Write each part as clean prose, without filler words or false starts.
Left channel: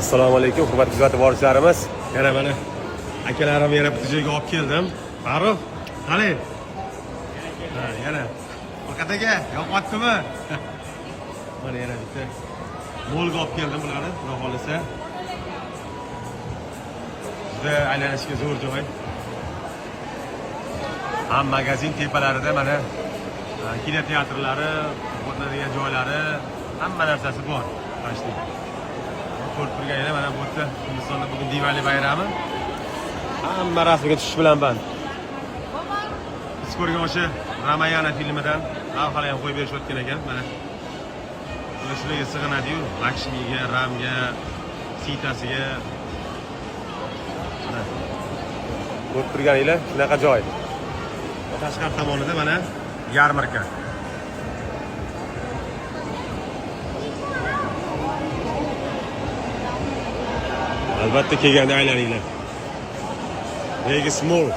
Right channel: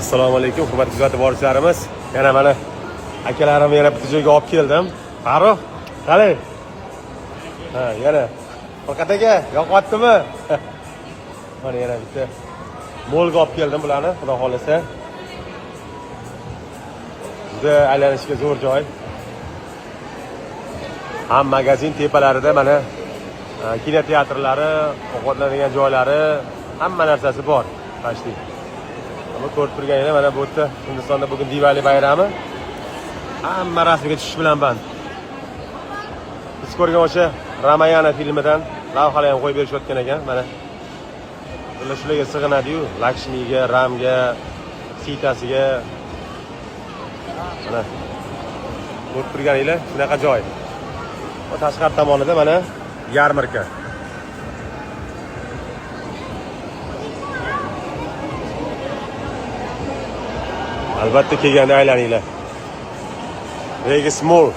Assalomu alaykum, hurmatli kuzatib boruvchilarimiz. Yana mana akalarim yana bitta joyga olib keldim. Farruh, qalay? Ha, yana. Faqat aka, yoqyaptimi? Mana yana bitta molga olib keldim bularni, xudo xolasa. Juda aylanishga zo'r joy. Ham magazin tepalarida mana kinoteatrlari, ovqatlanadigan joylari, hamma narsasi bor. Tashlik. Bu ko'rib turganingiz mana bu yerda Hindistonda bugun Diwali bayrami. Hamma rasmga tushish bilan band. Siz ko'rgan o'sha Ramayana filmidan lavhalar ham qo'yib berishayotgan ekan. Mana shularga sig'inadi-yu, Lakshmiga, Ramga, Sitasiga. Mana ko'rib turganingiz shunaqa joy. Tashqari tomonida mana yarmarka. Albatta kelganda aylaninglar. Vegas Mall.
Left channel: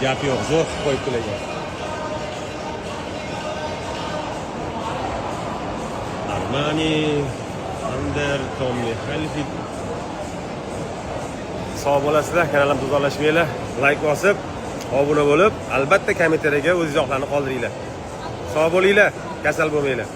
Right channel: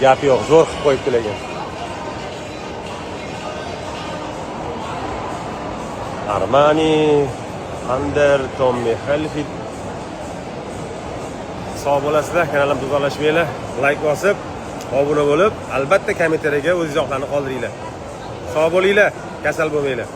Gap yo'q, zo'r qilib qo'yibdilar ekan. Armani, Under, Tommy Hilfiger. Sog' bo'lasizlar, kanalimni tozalashmanglar, like bosib, obuna bo'lib, albatta kommentariyga o'z izohlarini qoldiringlar. Sog' bo'linglar, kasal bo'lmanglar.